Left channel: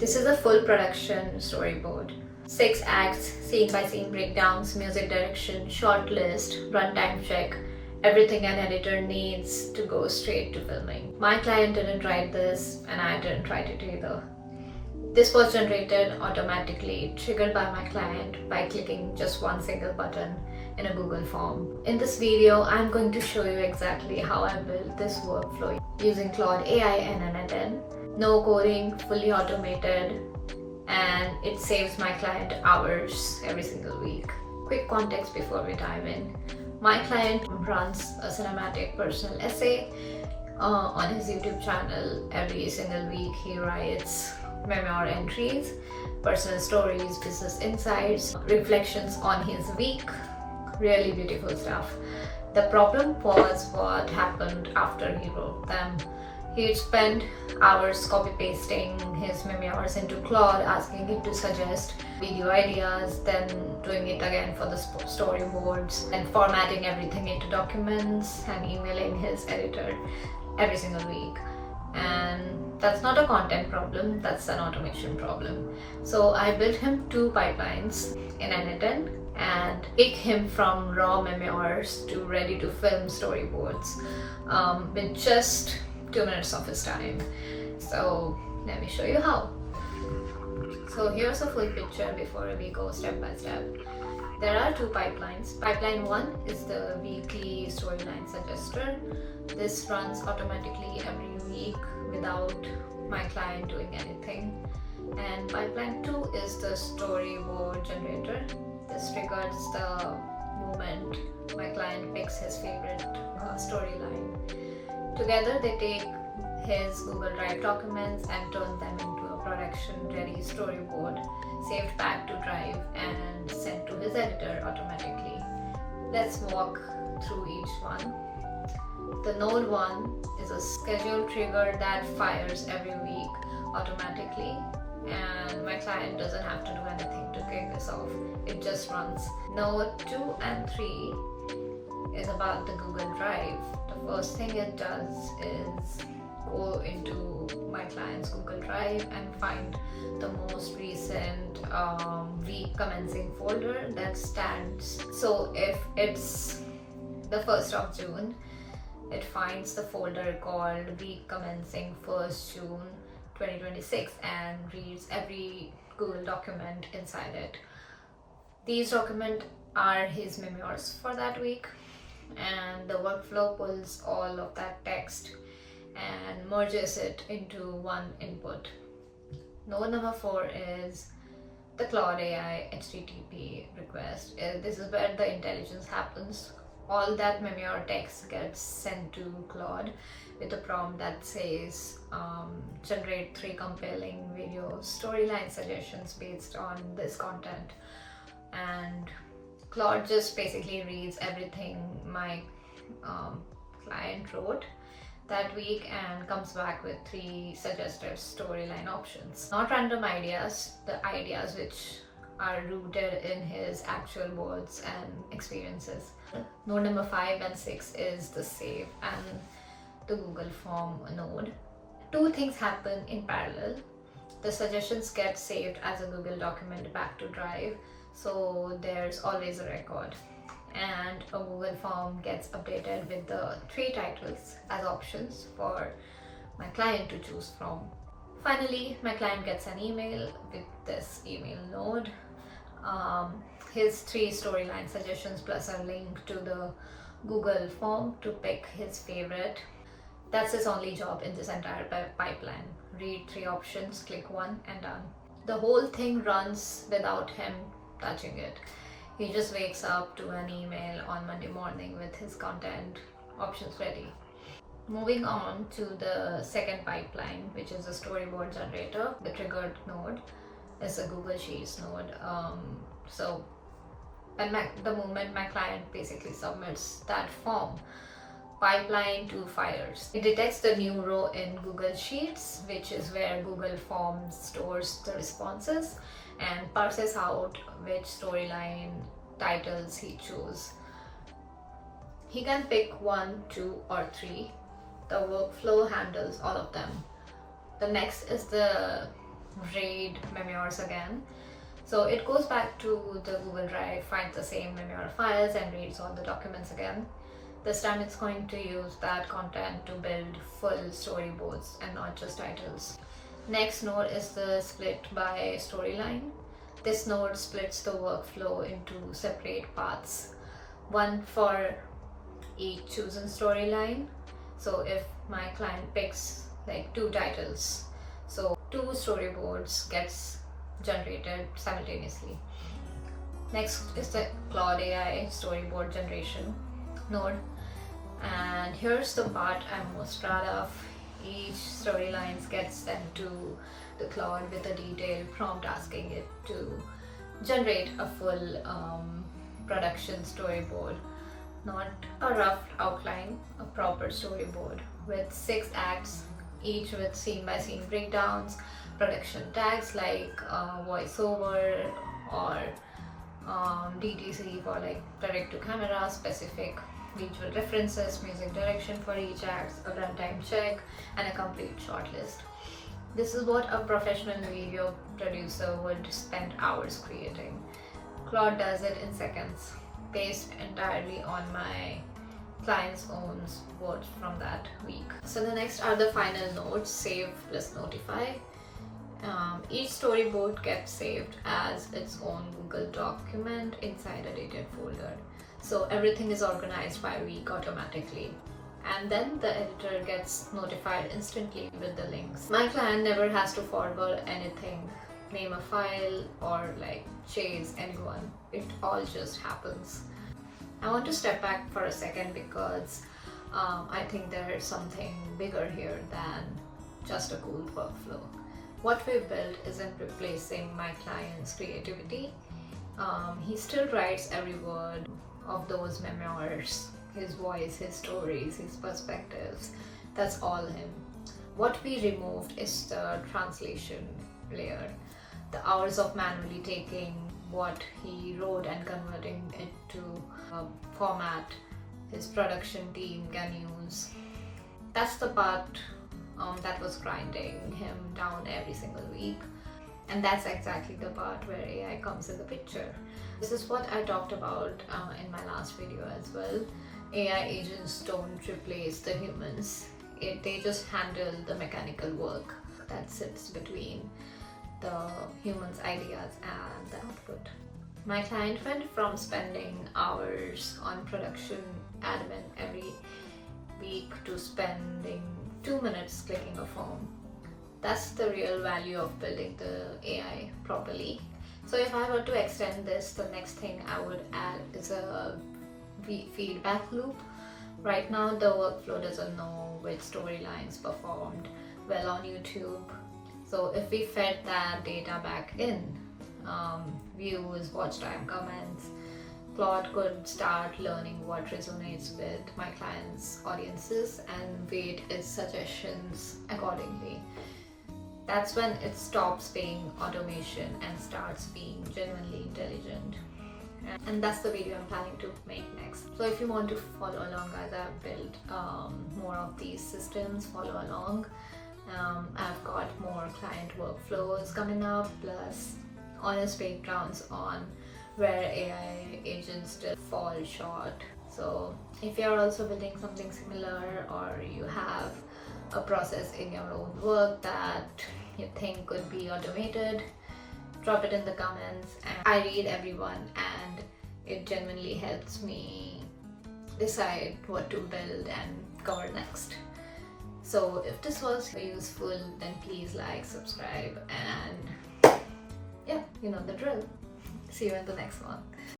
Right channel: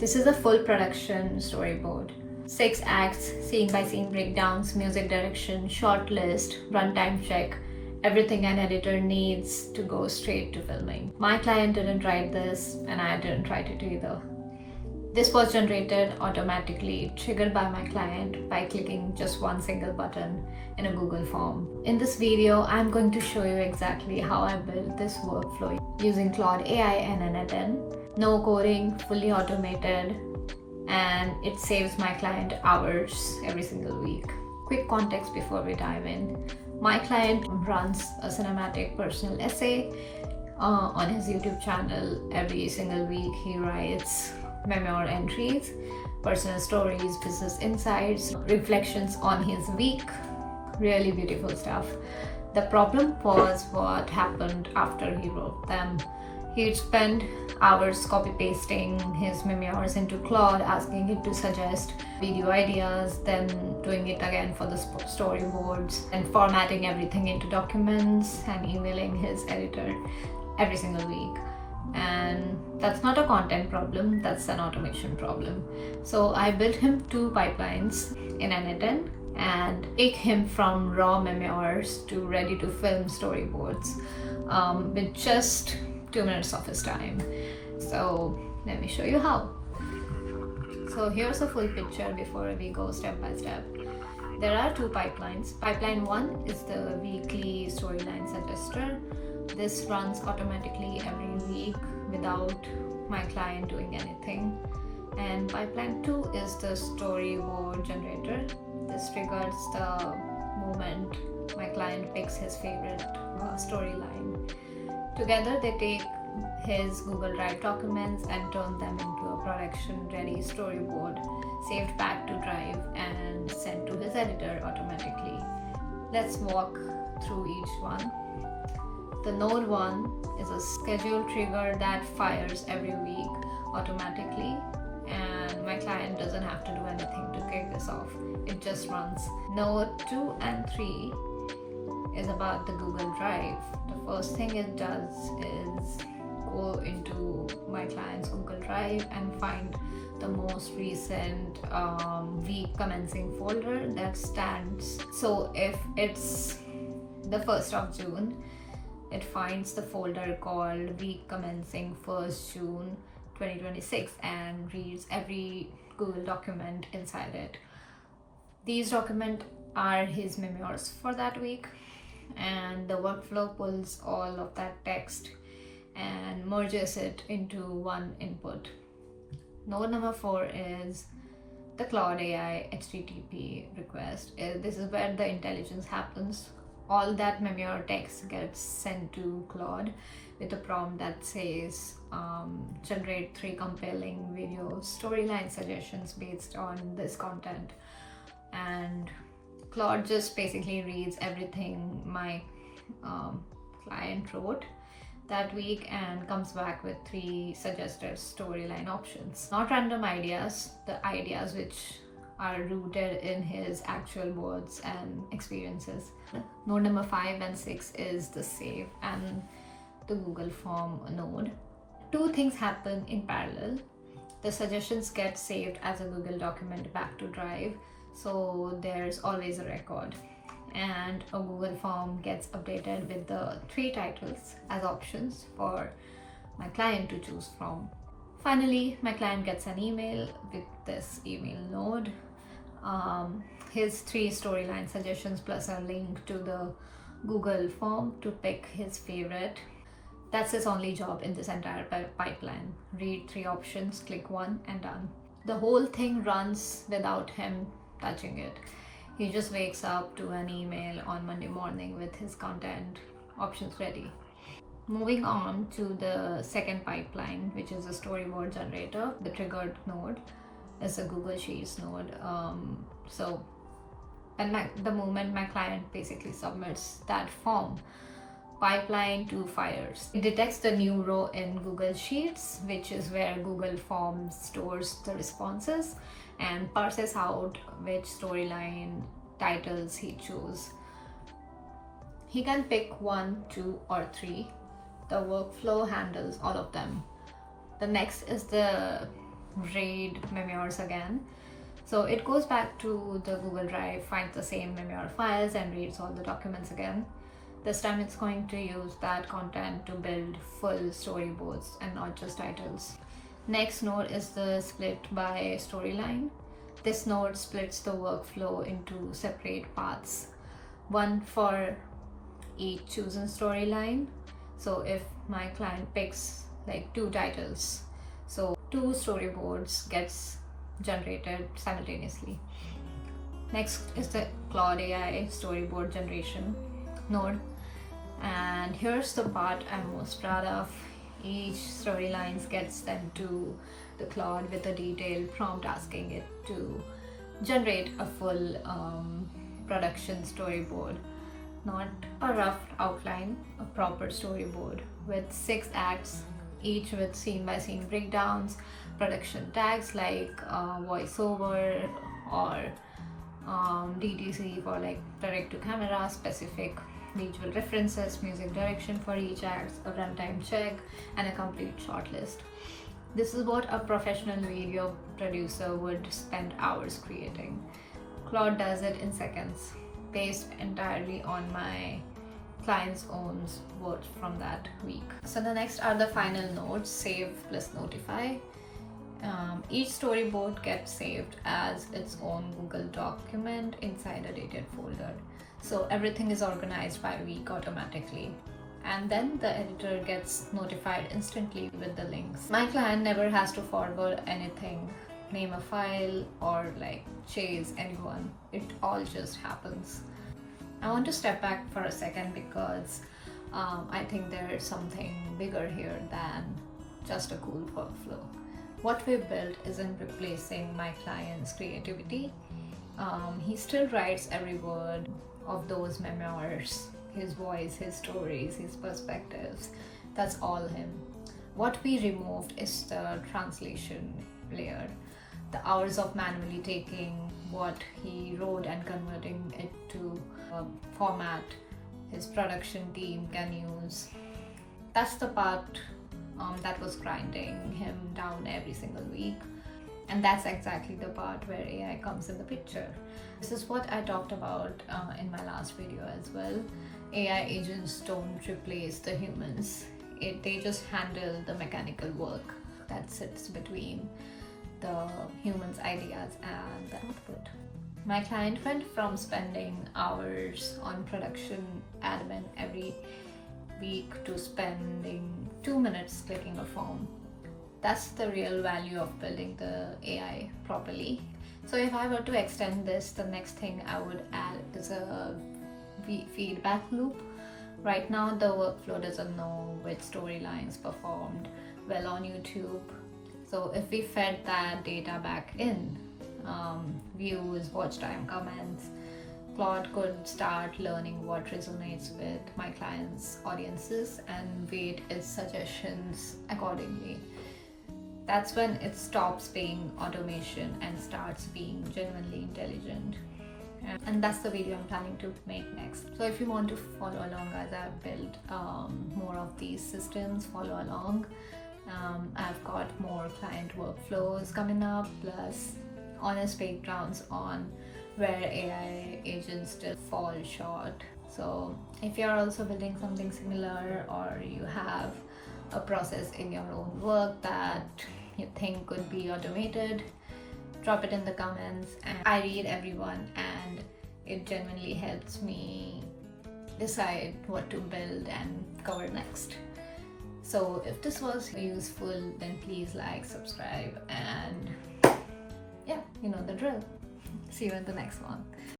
This is a full production storyboard. 6 acts, scene by scene breakdowns, music direction, short list, runtime check, everything an editor needs to go straight to filming. My client didn't write this and I didn't write it either. This was generated automatically, triggered by my client by clicking just one single button in a Google form. In this video, I'm going to show you exactly how I built this workflow using Claude AI and N10. No coding, fully automated, and it saves my client hours every single week. Quick context before we dive in. My client runs a cinematic personal essay on his YouTube channel. Every single week he writes memoir entries, personal stories, business insights, reflections on his week. Really beautiful stuff. The problem was what happened after he wrote them. He'd spend hours copy pasting his memoirs into Claude, asking it to suggest video ideas, then doing it again for the storyboards, and formatting everything into documents and emailing his editor every single week. And that's not a content problem, that's an automation problem. So I built him 2 pipelines in N10 and take him from raw memoirs to ready to film storyboards with just 2 minutes of his time. So let me show you how. So here's a full picture before we go step by step. There are 2 pipelines. Pipeline 1 is the weekly storyline suggester. This runs automatically every week without my client doing anything. And pipeline 2 is the storyboard generator. This triggers the moment my client picks his favorite storyline. Together they take his Google Drive documents and turn them into a production-ready storyboard, saved back to Drive and sent to his editor automatically. Let's walk through each one. The node 1 is a schedule trigger that fires every week automatically, and my client doesn't have to do anything to kick this off. It just runs. Node 2 and 3 is about the Google Drive. The first thing it does is go into my client's Google Drive and find the most recent week commencing folder that stands. So if it's the 1st of June, it finds the folder called week commencing 1st June 2026 and reads every Google document inside it. These documents are his memoirs for that week, and the workflow pulls all of that text and merges it into one input. Node number 4 is the Claude AI HTTP request. This is where the intelligence happens. All that memoir text gets sent to Claude with a prompt that says generate 3 compelling video storyline suggestions based on this content. And Claude just basically reads everything my client wrote that week and comes back with 3 suggested storyline options. Not random ideas, the ideas which are rooted in his actual words and experiences. Node number 5 and 6 is the save and the Google Form node. 2 things happen in parallel. The suggestions get saved as a Google document back to Drive, so there's always a record. And a Google Form gets updated with the 3 titles as options for my client to choose from. Finally, my client gets an email with this email node. His 3 storyline suggestions plus a link to the Google Form to pick his favorite. That's his only job in this entire pipeline. Read 3 options, click 1 and done. The whole thing runs without him touching it. He just wakes up to an email on Monday morning with his content options ready. Moving on to the second pipeline, which is a storyboard generator. The triggered node is a Google Sheets node. So the moment my client basically submits that form, pipeline 2 fires. It detects the new row in Google Sheets, which is where Google Forms stores the responses, and parses out which storyline titles he chose. He can pick 1, 2 or 3. The workflow handles all of them. The next is the raid memoirs again. So it goes back to the Google Drive, finds the same memoir files and reads all the documents again. This time it's going to use that content to build full storyboards and not just titles. Next node is the split by storyline. This node splits the workflow into separate paths, one for each chosen storyline. So if my client picks like 2 titles, so 2 storyboards gets generated simultaneously. Next is the Claude AI storyboard generation node, and here's the part I'm most proud of. Each storyline gets sent to the Claude with a detailed prompt asking it to generate a full production storyboard, not a rough outline, a proper storyboard with 6 acts, each with scene by scene breakdowns, production tags like voiceover or DTC for like direct to camera, specific visual references, music direction for each act, a runtime check, and a complete shortlist. This is what a professional video producer would spend hours creating. Claude does it in seconds, based entirely on my client's own words from that week. So the next are the final nodes, save plus notify. Each storyboard gets saved as its own Google document inside a dated folder. So everything is organized by week automatically. And then the editor gets notified instantly with the links. My client never has to forward anything, name a file, or like chase anyone. It all just happens. I want to step back for a second because I think there's something bigger here than just a cool workflow. What we built isn't replacing my client's creativity. He still writes every word of those memoirs, his voice, his stories, his perspectives. That's all him. What we removed is the translation layer, the hours of manually taking what he wrote and converting it to a format his production team can use. That's the part that was grinding him down every single week. And that's exactly the part where AI comes in the picture. This is what I talked about in my last video as well. AI agents don't replace the humans. They just handle the mechanical work that sits between the human's ideas and the output. My client went from spending hours on production admin every week to spending 2 minutes clicking a form. That's the real value of building the AI properly. So if I were to extend this, the next thing I would add is a feedback loop. Right now the workflow doesn't know which storylines performed well on YouTube. So if we fed that data back in, views, watch time, comments, Claude could start learning what resonates with my clients' audiences and weight its suggestions accordingly. That's when it stops being automation and starts being genuinely intelligent. And that's the video I'm planning to make next. So if you want to follow along as I've built more of these systems, follow along. I've got more client workflows coming up, plus honest breakdowns on where AI agents still fall short. So if you're also building something similar, or you have a process in your own work that you think could be automated, drop it in the comments. And I read everyone, and it genuinely helps me decide what to build and cover next. So if this was useful, then please like, subscribe, and yeah, you know the drill. See you in the next one.